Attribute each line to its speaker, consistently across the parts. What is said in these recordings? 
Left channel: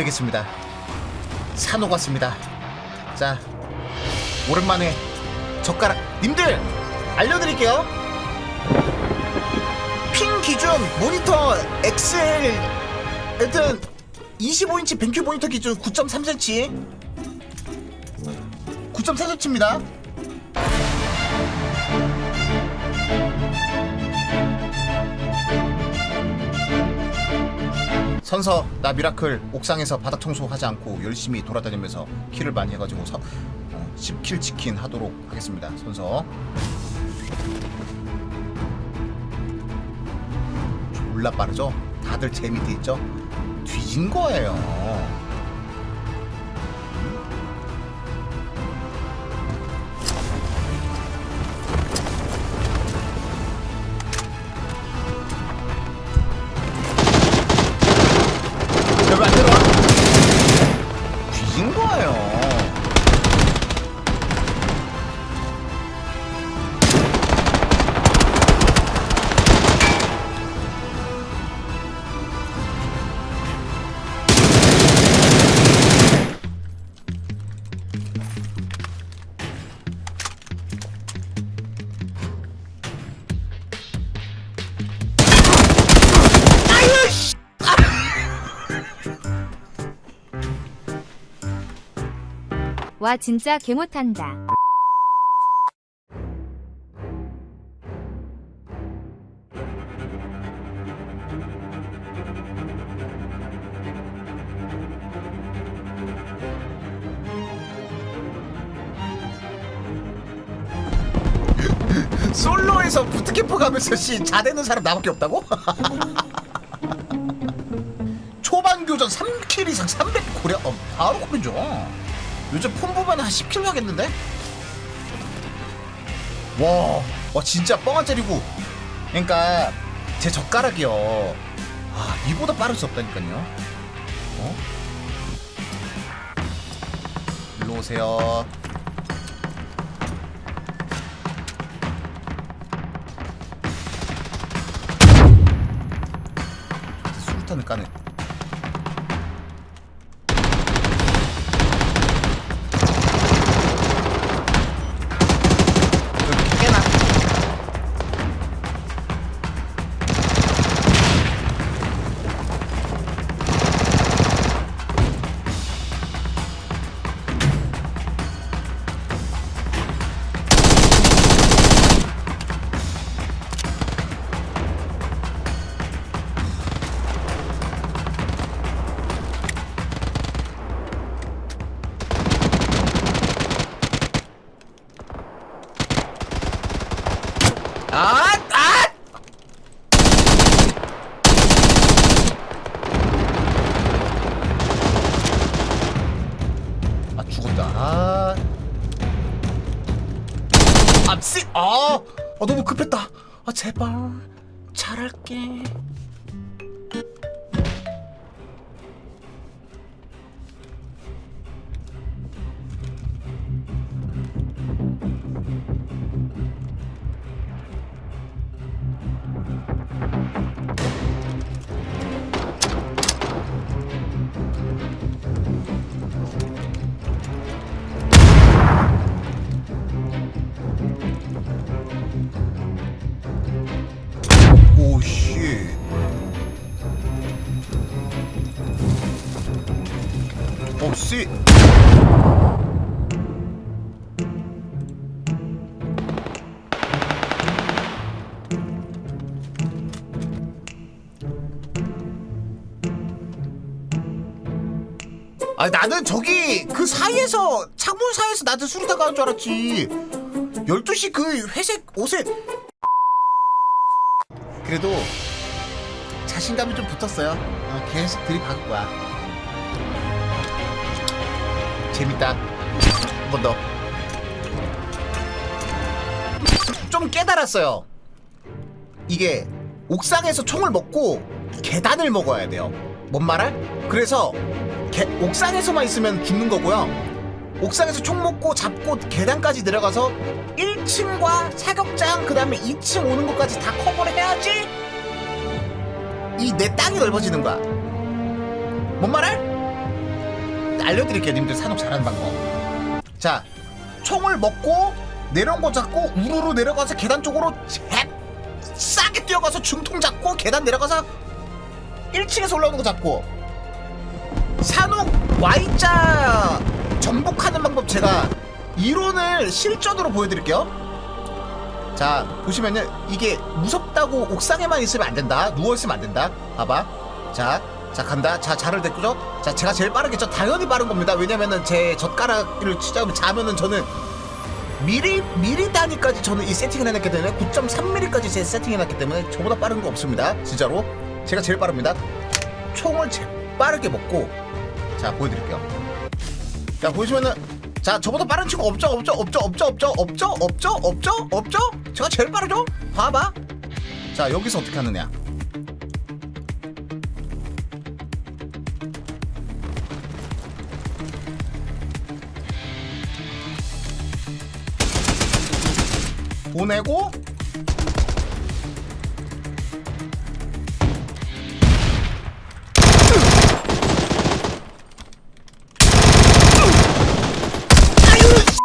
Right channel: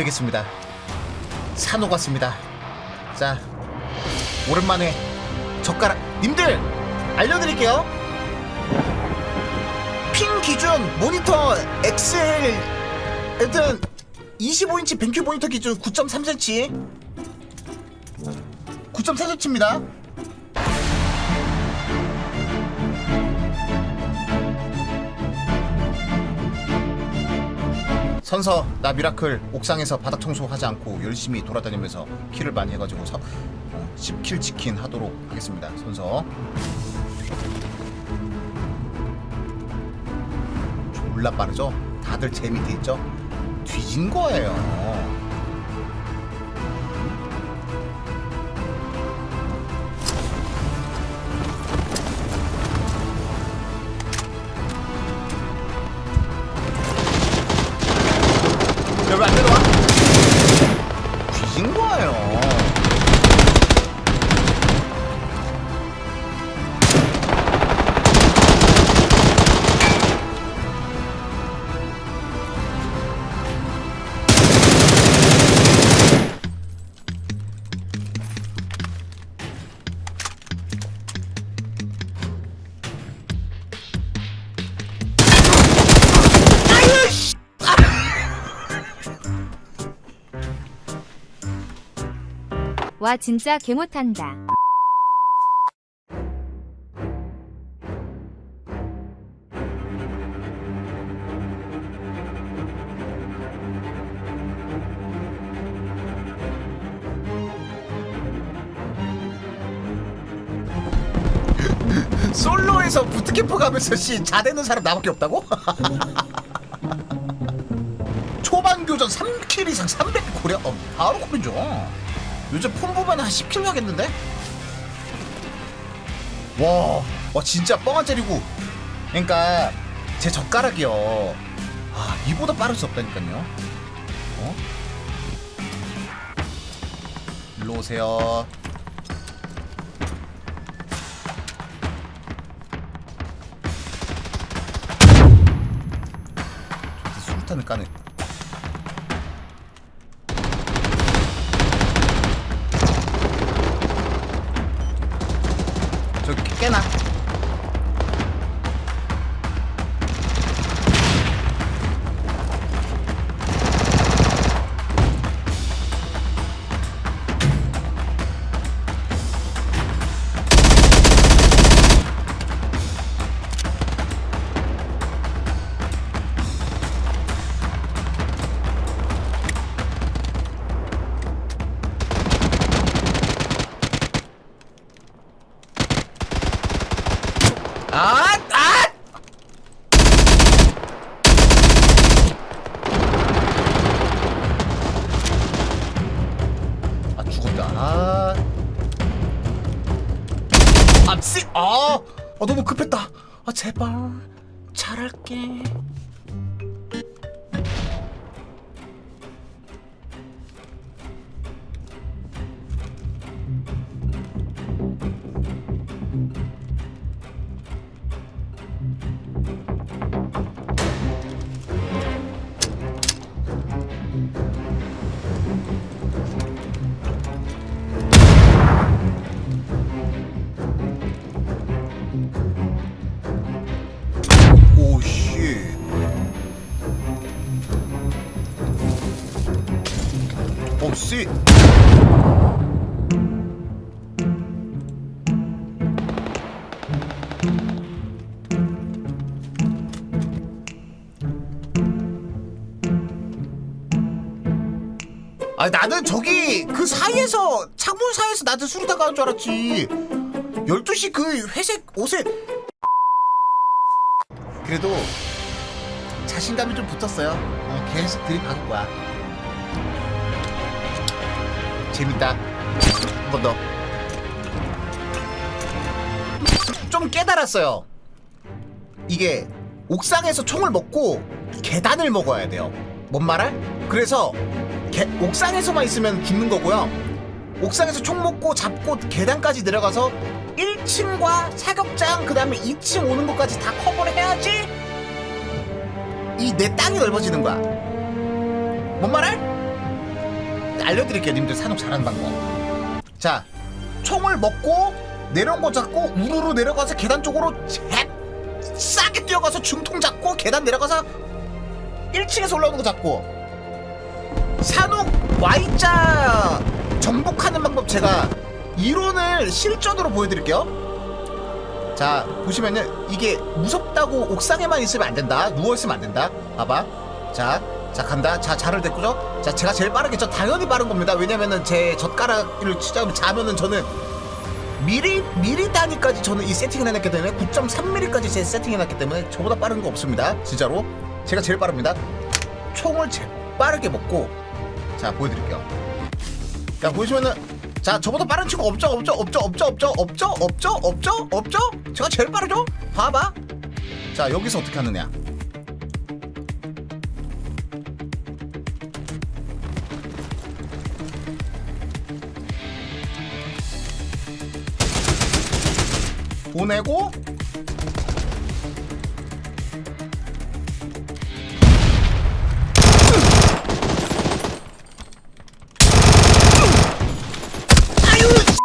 Speaker 1: 되겠습니다. 산 오갔습니다. 자, 오랜만에 젓가락 님들 알려드릴게요. 핑 기준 모니터 XL 하여튼 25인치 뱅큐 모니터 기준 9.3cm 9.4cm입니다. 선서 나 미라클 옥상에서 바닥 청소하지 않고 열심히 돌아다니면서 킬을 많이 해가지고 서, 어, 10킬 치킨 하도록 하겠습니다 선서 졸라 빠르죠? 다들 제 밑에 있죠? 뒤진 거예요 여기 안 내려와? 뒤진 거예요.
Speaker 2: 와 진짜 개 못한다.
Speaker 1: 솔로에서 부트캠프 가면서 씨 자대는 사람 나밖에 없다고? 초반 교전 3킬 이상 300 고려 어, 바로 고르죠. 요즘 폰 보면 한 10킬 가겠는데? 와, 와 진짜 뻥안 때리고. 그러니까 제 젓가락이요. 아 이보다 빠를 수 없다니까요. 어? 일로 오세요. 수류탄을 까네. 아! 아! 아 죽었다. 아. 아, 씨. 아. 아 너무 급했다. 아 제발 잘할게. 오 씨. 오 씨. 아 나는 저기 그 사이에서 창문 사이에서 나도 수리타 가는 줄 알았지 12시 그 회색 옷에 그래도 자신감이 좀 붙었어요. 어, 계속 들이박을 거야. 재밌다. 한 번 더. 좀 깨달았어요. 이게 옥상에서 총을 먹고 계단을 먹어야 돼요. 뭔 말할? 그래서 게- 옥상에서만 있으면 죽는 거고요. 옥상에서 총 먹고 잡고 계단까지 내려가서 1층과 사격장 그 다음에 2층 오는 것까지 다 커버를 해야지 이 내 땅이 넓어지는 거야. 뭔 말할? 알려드릴게요, 님들 산옥 잘하는 방법. 자, 총을 먹고 내려온 거 잡고 우르르 내려가서 계단 쪽으로 잽 싸게 뛰어가서 중통 잡고 계단 내려가서 1층에서 올라오는 거 잡고 산옥 Y자 정복하는 방법 제가 이론을 실전으로 보여드릴게요. 자 보시면은 이게 무섭다고 옥상에만 있으면 안 된다. 누워 있으면 안 된다. 봐봐. 자, 자 간다. 자 자를 됐고죠. 자 제가 제일 빠르겠죠. 당연히 빠른 겁니다. 왜냐면은 제 젓가락을 치자면 자면은 저는 미리 미리 단위까지 저는 이 세팅을 해놨기 때문에 9.3mm까지 제 세팅해놨기 때문에 저보다 빠른 거 없습니다. 진짜로 제가 제일 빠릅니다. 총을 제일 빠르게 먹고 자 보여드릴게요. 자 보시면은 자 저보다 빠른 친구 없죠? 없죠? 없죠? 없죠? 없죠? 없죠? 없죠? 없죠? 없죠? 제가 제일 빠르죠? 봐봐. 자 여기서 어떻게 하느냐? 보내고 아유 씨.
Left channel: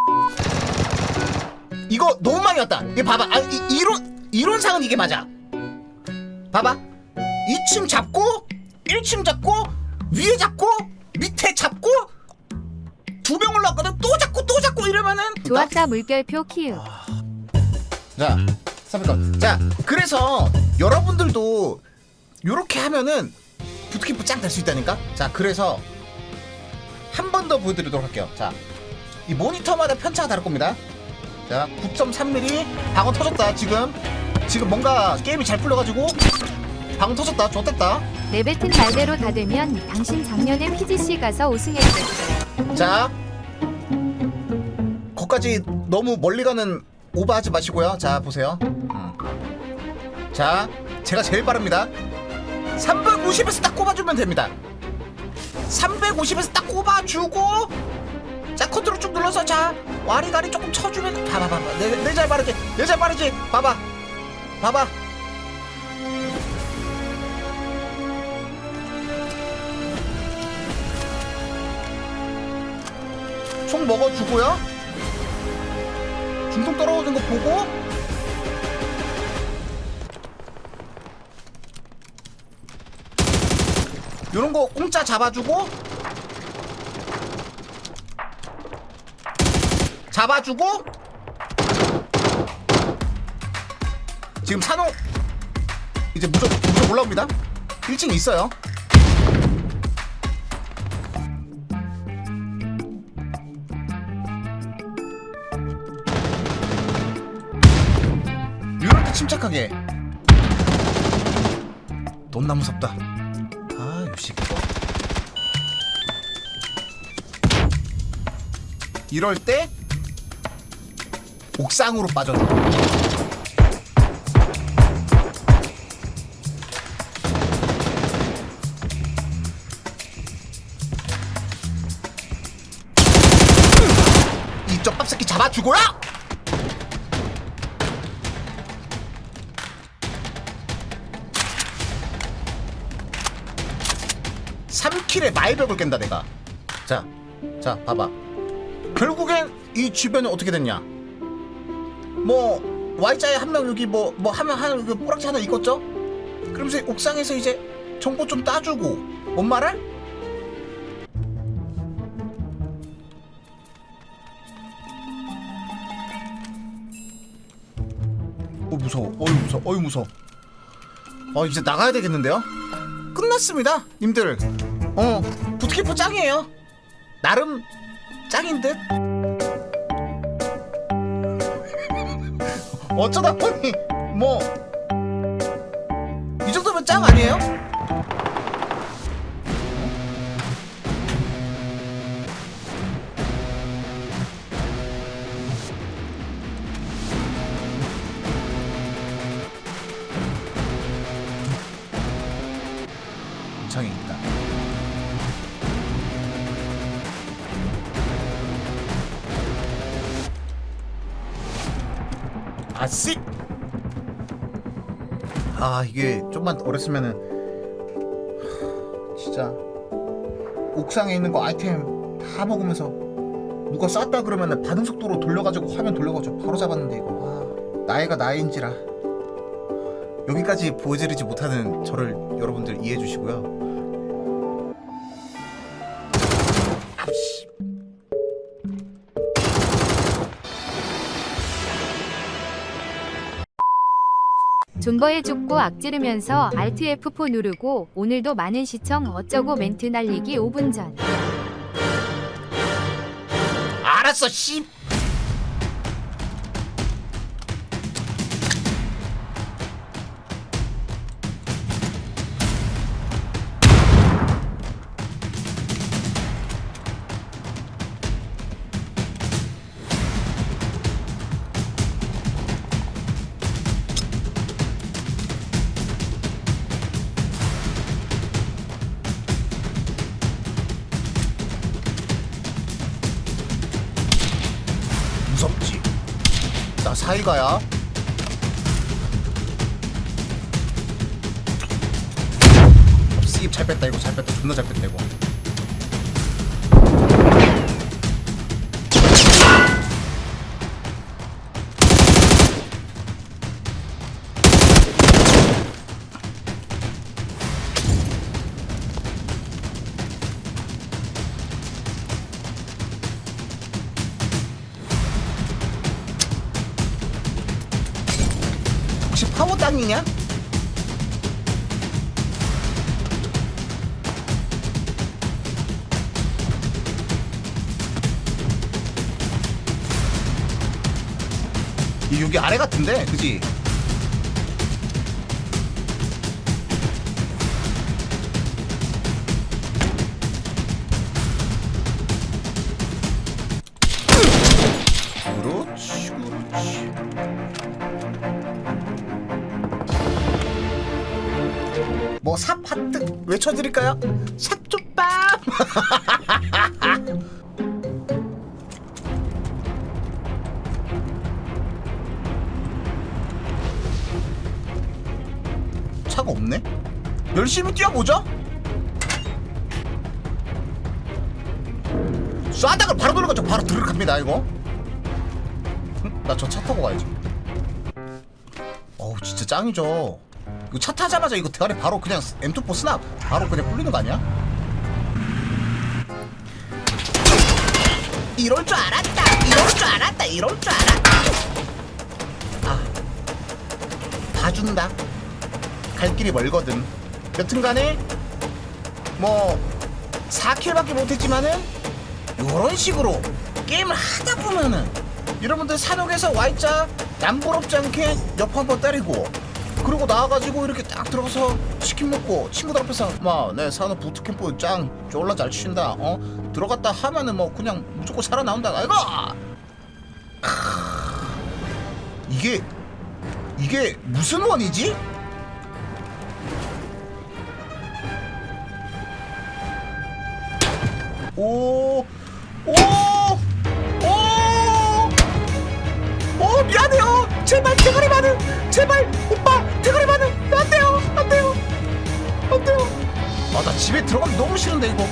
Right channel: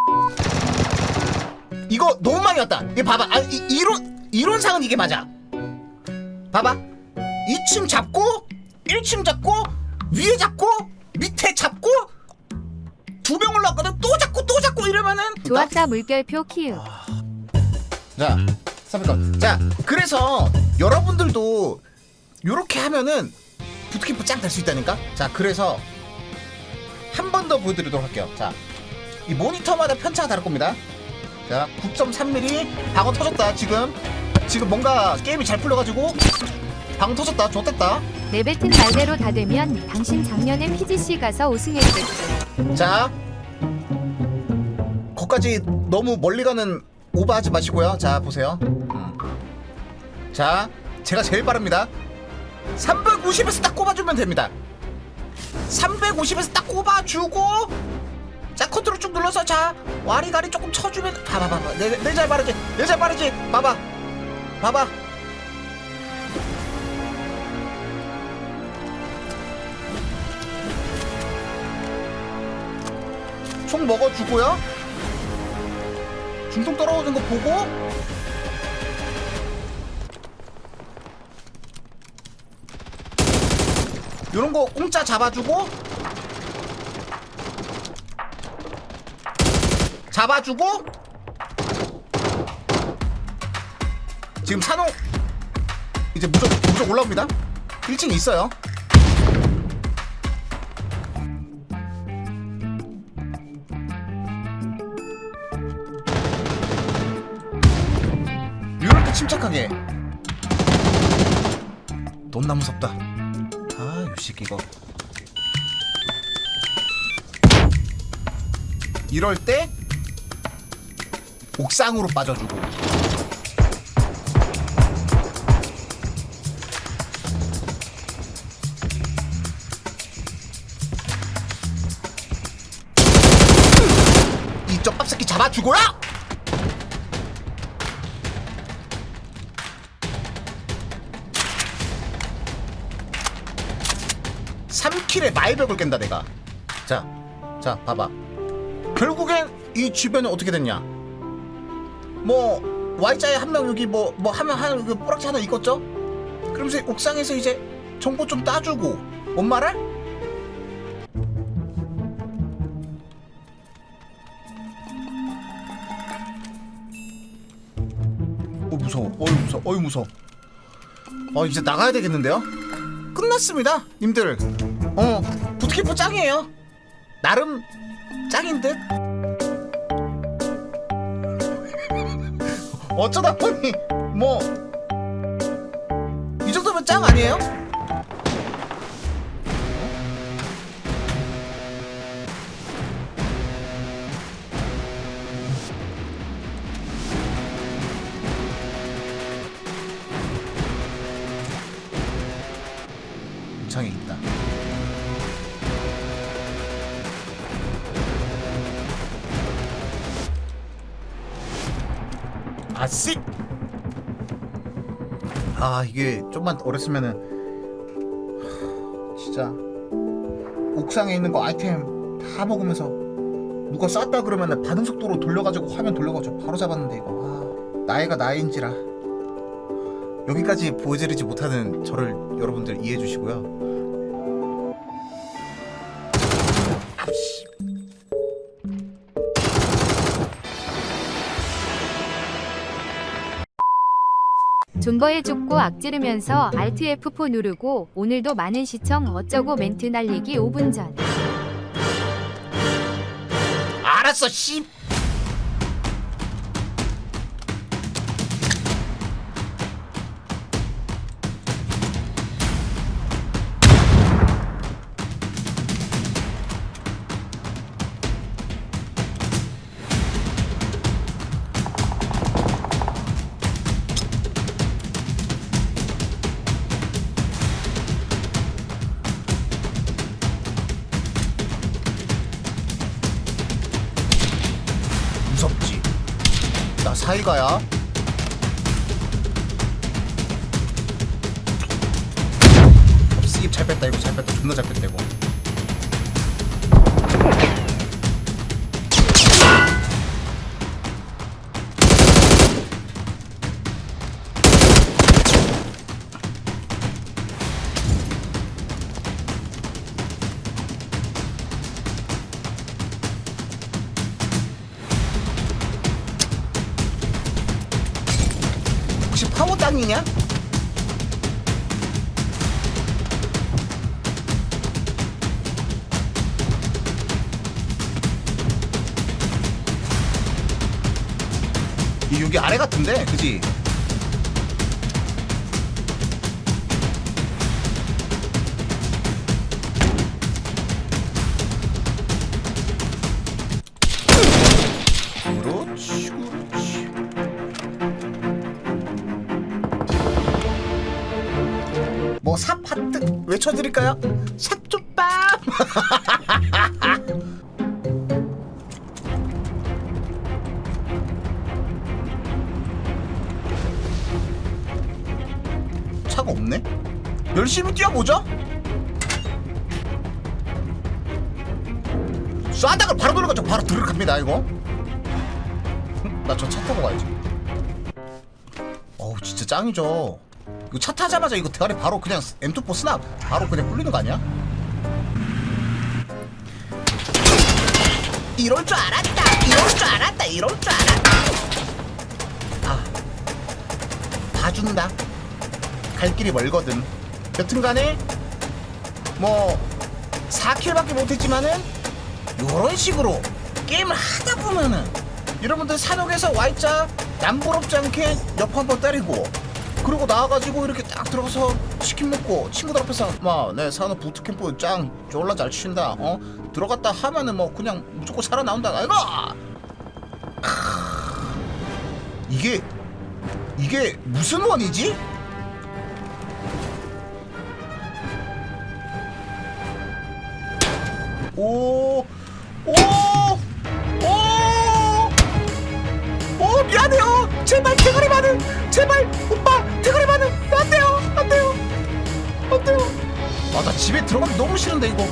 Speaker 1: 이거 너무 많이 왔다 이거 봐봐 아, 이, 이론 이론상은 이게 맞아 봐봐 2층 잡고 1층 잡고 위에 잡고 밑에 잡고 두명 올라왔거든 또 잡고 또 잡고 이러면은
Speaker 2: 좋았다 물결표 키읔.
Speaker 1: 자, 300건. 자, 그래서 여러분들도 요렇게 하면은 부트캠프 짱 될 수 있다니까? 자, 그래서 한 번 더 보여드리도록 할게요. 자, 이 모니터마다 편차가 다를 겁니다. 자, 9.3mm 방어 터졌다, 지금. 지금 뭔가 게임이 잘 풀려가지고 방어 터졌다, 좋됐다.
Speaker 2: 내뱉은 말대로 다 되면 당신 작년에 PGC 가서 우승했겠죠.
Speaker 1: 자, 거기까지 너무 멀리 가는 오버하지 마시고요. 자, 보세요. 음. 자, 제가 제일 빠릅니다. 350에서 딱 꼽아주면 됩니다. 350에서 딱 꼽아주고, 자, 컨트롤 쭉 눌러서, 자, 와리가리 조금 쳐주면, 봐봐, 봐봐. 내, 내잘 빠르지? 내잘 빠르지? 봐봐. 봐봐. 총 먹어주고요. 중통 떨어오는 거 보고 요런 거 공짜 잡아주고 잡아주고 지금 산호 이제 무적 무적 올라옵니다. 1층 있어요. 이럴 때 침착하게. 존나 무섭다. 아 유식 이거. 이럴 때 옥상으로 빠져줘 이쪽 빡새끼 잡아주고요 3킬에 마이벽을 깬다 내가. 자, 자 봐봐. 결국엔 이 주변은 어떻게 됐냐 뭐 Y자에 한 명 여기 뭐 뭐 하면 한 여기 뿌락지 하나 있겠죠? 그러면서 옥상에서 이제 정보 좀 따주고 뭔 말할? 어 무서워. 어유 무서워. 어유 무서워. 어 이제 나가야 되겠는데요? 끝났습니다 님들. 어 부트캠프 짱이에요. 나름 짱인 듯 어쩌다 보니 뭐 이 정도면 짱 아니에요? 아씨! 아 이게 좀만 어렸으면은 진짜 옥상에 있는 거 아이템 다 먹으면서 누가 쐈다 그러면 반응 속도로 돌려가지고 화면 돌려가지고 바로 잡았는데 이거. 아, 나이가 나이인지라. 여기까지 보여드리지 못하는 저를 여러분들 이해해 주시고요
Speaker 2: 존버에 쫓고 악지르면서 Alt F4 누르고 오늘도 많은 시청 어쩌고 멘트 날리기 5분 전.
Speaker 1: 알았어 씨 나 사이가야 씹잘 뺐다 이거 잘 뺐다. 존나 잘 뺐다 이거 땅이냐? 이 여기 아래 같은데, 그지? 그렇지, 그렇지. 뭐 삽하트 외쳐드릴까요? 샷쭈밤 차가 없네? 열심히 뛰어보죠! 쏴다가 바로 돌아가죠 바로 들어갑니다 이거. 나 저 차 타고 가야지. 어우 진짜 짱이죠 차 타자마자 이거 대가리 바로 그냥 M24 스납 바로 그냥 꿀리는 거 아니야? 이럴 줄 알았다 이럴 줄 알았다 이럴 줄 알았다. 아 봐준다. 갈 길이 멀거든. 여튼간에 뭐 4킬밖에 못했지만은 요런 식으로 게임을 하다 보면은 여러분들 산옥에서 Y자 남부럽지 않게 옆 한번 때리고 그리고 나와가지고 이렇게 딱 들어가서 치킨 먹고 친구들 앞에서 막내 산업 부트캠프 짱 졸라 잘 친다 어 들어갔다 하면은 뭐 그냥 무조건 살아나온다 아이고 크... 이게 이게 무슨 원이지? 오, 오, 오, 오, 미안해요. 제발 대가리 많은, 제발 오빠 대가리 많은, 안 돼요, 안 돼요, 안 돼요. 아, 나 집에 들어가기 너무 싫은데 이거.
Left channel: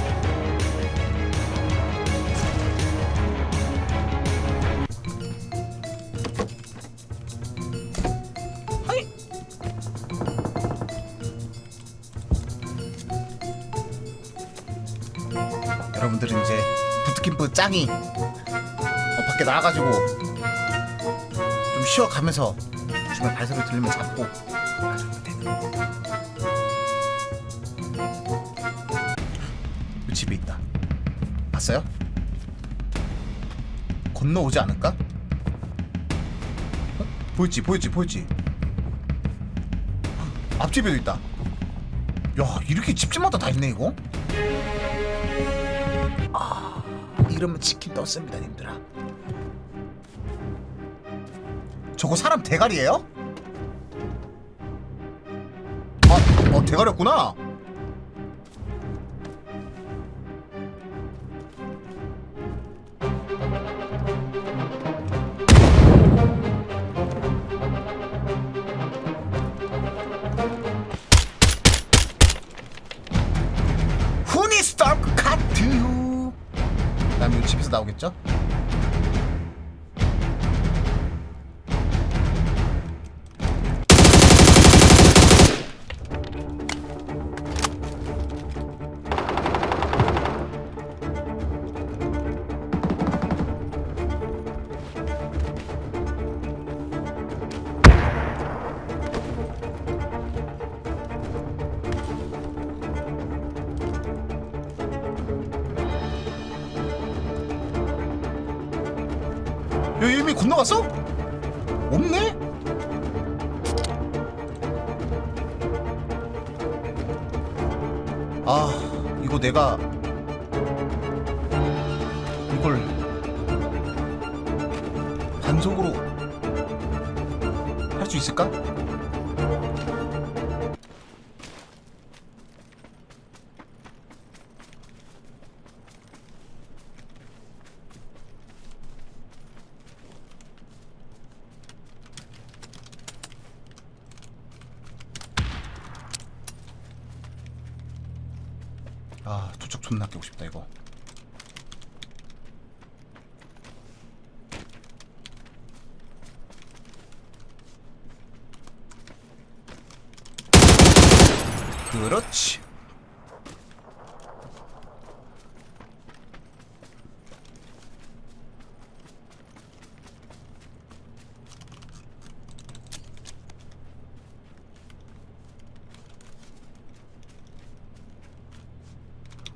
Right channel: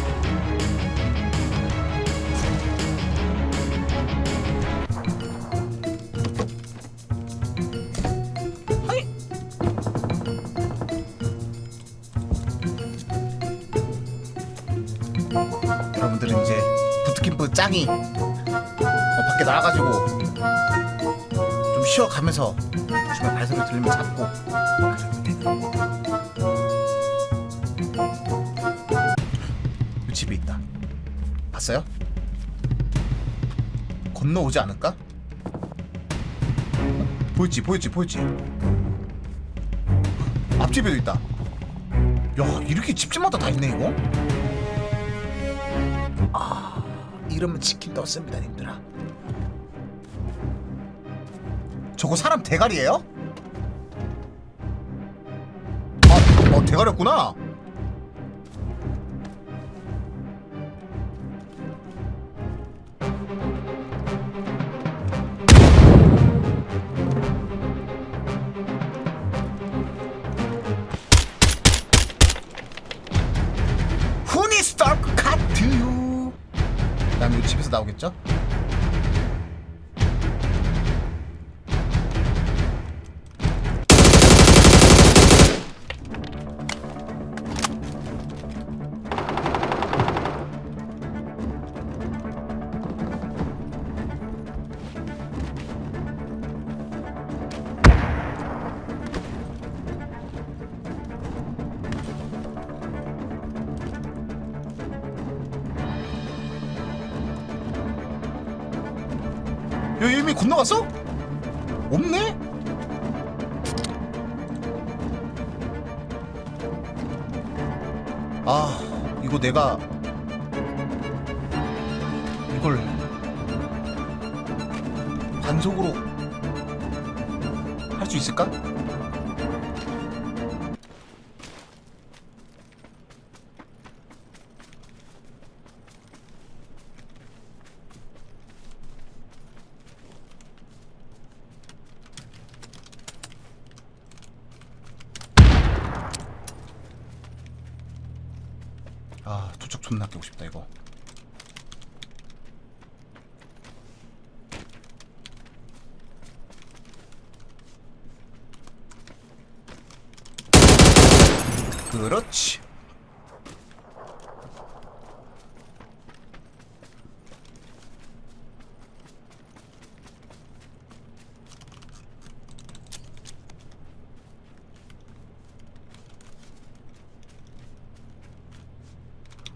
Speaker 1: 여러분들은 이제 부트캠프 짱이 어, 밖에 나와가지고 좀 쉬어가면서 중간에 발소리 들리면 잡고. 이 집에 있다. 봤어요? 건너오지 않을까? 어? 보였지, 보였지, 보였지. 헉, 앞집에도 있다. 야, 이렇게 집집마다 다 있네 이거. 이러면 치킨 떴습니다, 님들아. 저거 사람 대가리예요? 아, 어 대가리였구나. 스타크 카트 그다음에 이 집에서 나오겠죠? 건너갔어? 없네? 아 이거 내가 이걸 반속으로 할 수 있을까? 아 도적 존나 깨고 싶다 이거 그렇지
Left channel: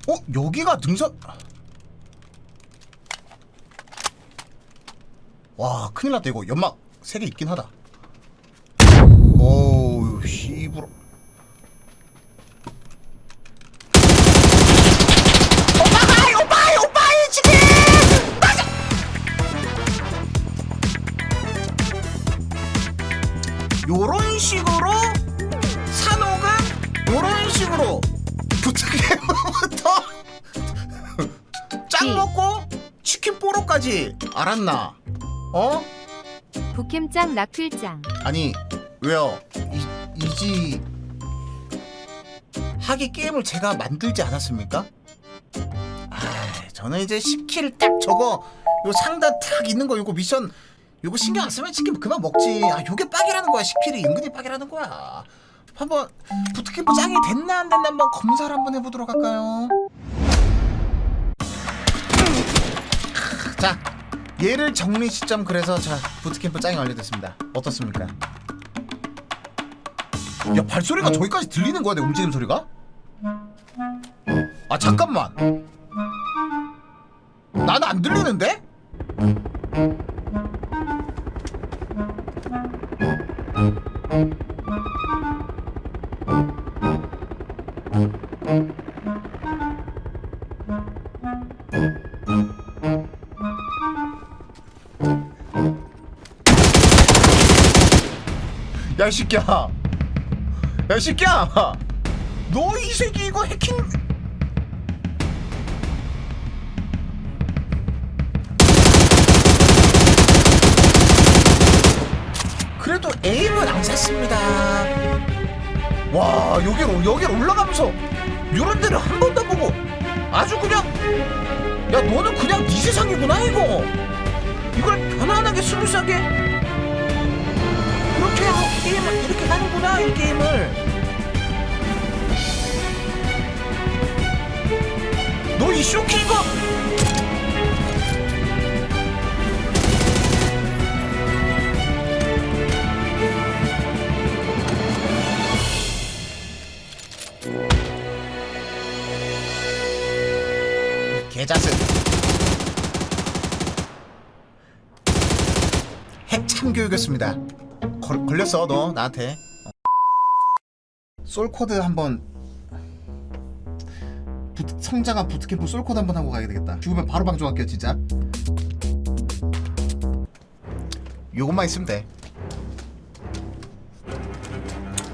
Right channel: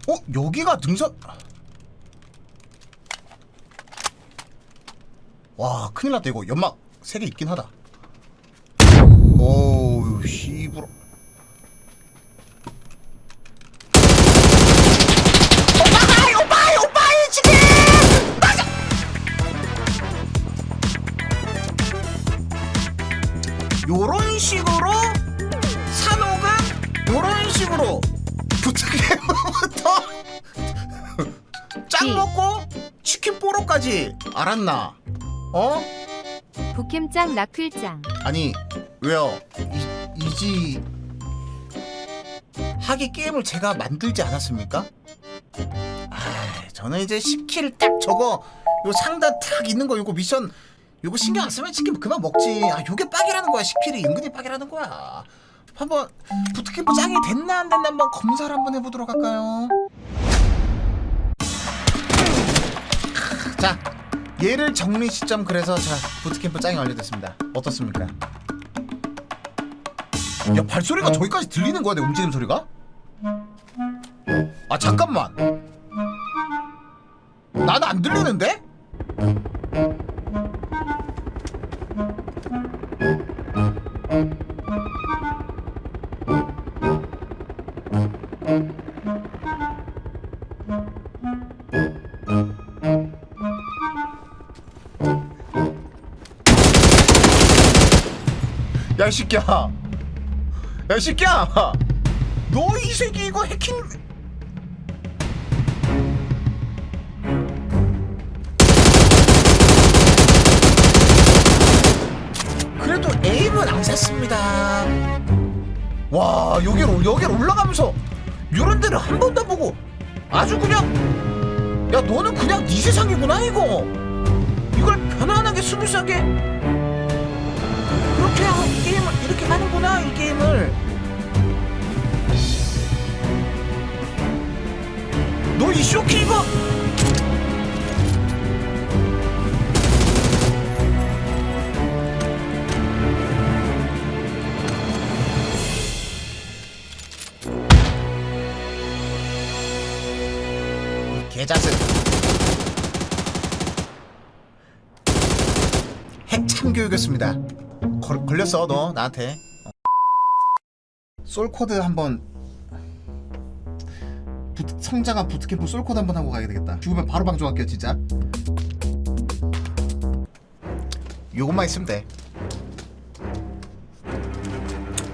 Speaker 1: 어? 여기가 능선? 와 큰일 났다 이거. 연막 3개 있긴 하다. 오 짱
Speaker 2: 네.
Speaker 1: 먹고 치킨 뽀로까지 알았나? 어?
Speaker 2: 북캠짱 나필짱
Speaker 1: 아니 왜요? 이, 이지 하기 게임을 제가 만들지 않았습니까? 아, 저는 이제 10킬 딱 저거 요 상단 탁 있는 거 요거 미션 요거 신경 안 쓰면 치킨 그만 먹지. 아, 요게 빡이라는 거야. 10킬이 은근히 빡이라는 거야. 한번 부트캠프 짱이 됐나 안 됐나 한번 검사를 한번 해보도록 할까요? 자, 얘를 정리 시점 그래서 자 부트캠프 짱이 완료됐습니다. 어떻습니까? 야 발소리가 저기까지 들리는 거야 내 움직임 소리가? 아 잠깐만 나는 안 들리는데? 이 새끼야 야, 이 새끼야! 너 이 새끼 이거 해킹... 그래도 에임은 안 샀습니다. 와, 여기로, 여기로 올라가면서 요런 데를 한 번도 안 보고 아주 그냥 야, 너는 그냥 네 세상이구나, 이거. 이걸 편안하게 스무스하게 그렇게 하, 게임을 이렇게 하는구나 이 게임을. 너 이 쇼키 이거 이 개자식 핵 참 교육이었습니다 걸, 걸렸어 너 나한테. 어. 솔코드 한번. 부트, 성장한 부트캠프 솔코드 한번 하고 가야 되겠다. 죽으면 바로 방종할게요 진짜. 요것만 있으면 돼.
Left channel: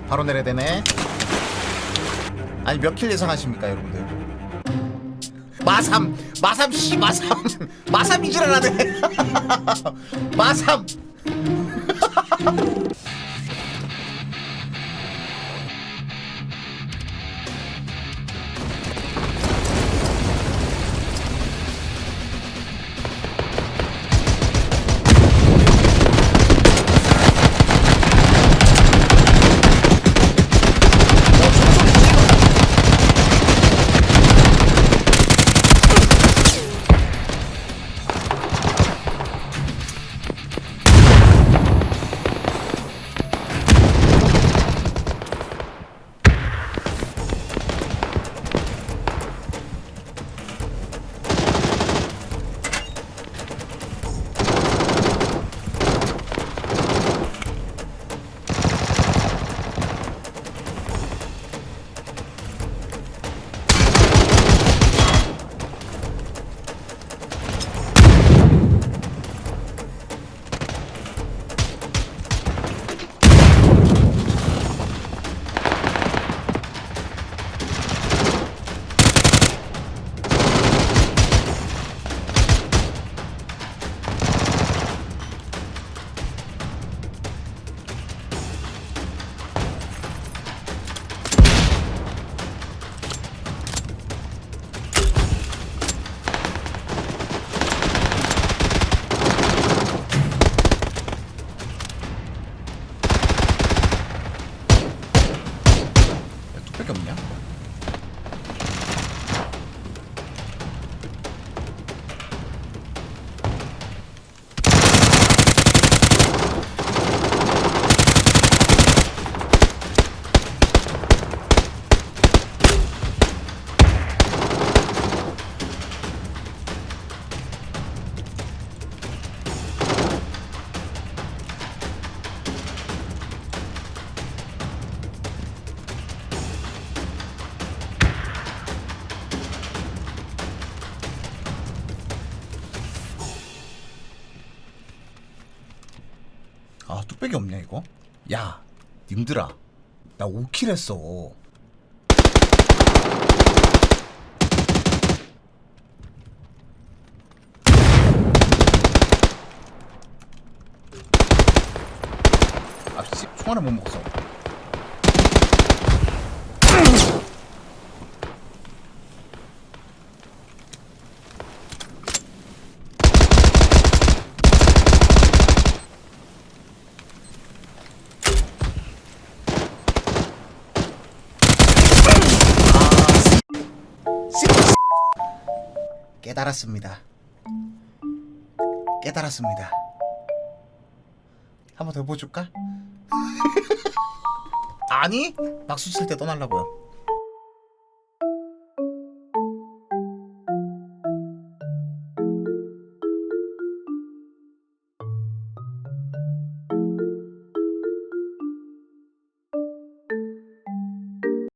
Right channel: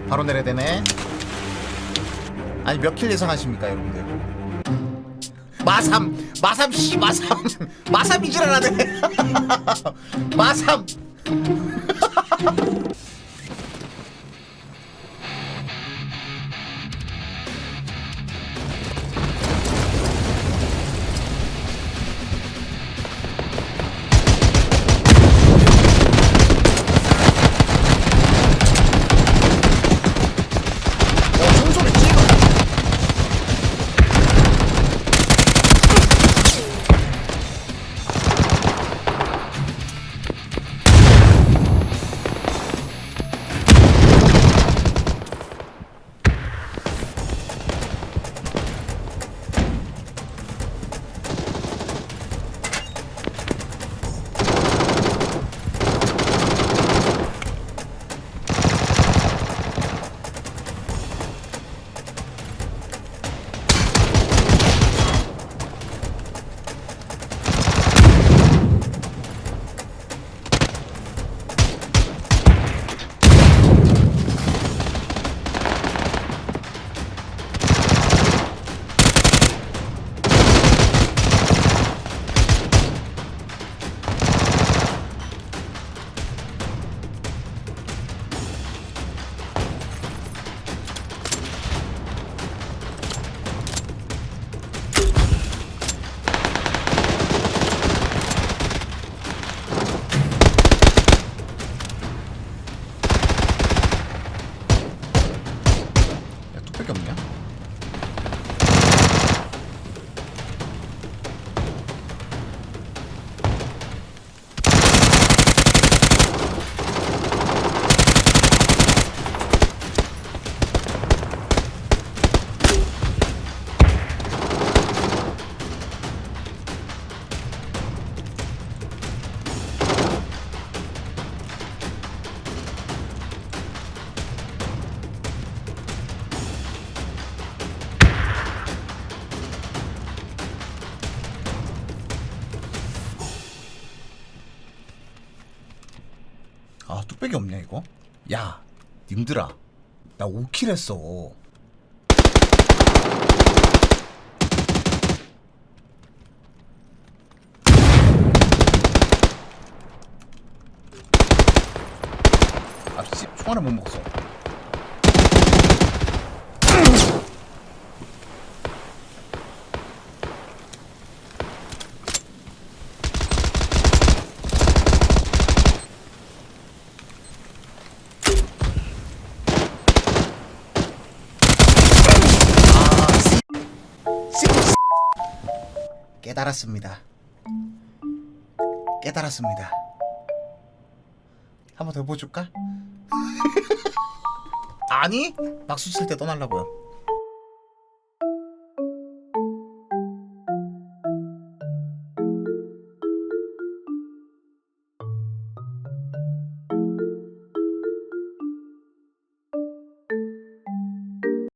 Speaker 1: 바로 내려야 되네. 아니 몇 킬 예상하십니까 여러분들? 마삼 마삼 씨 마삼. 마삼 이질하네. 마삼 아 뚝배기 없냐 이거? 야 님들아. 나 5킬 했어. 아씨 총 하나 못 먹었어 깨달았습니다. 깨달았습니다. 한 번 더 보여줄까? 아니, 박수 칠 때 떠나려고요.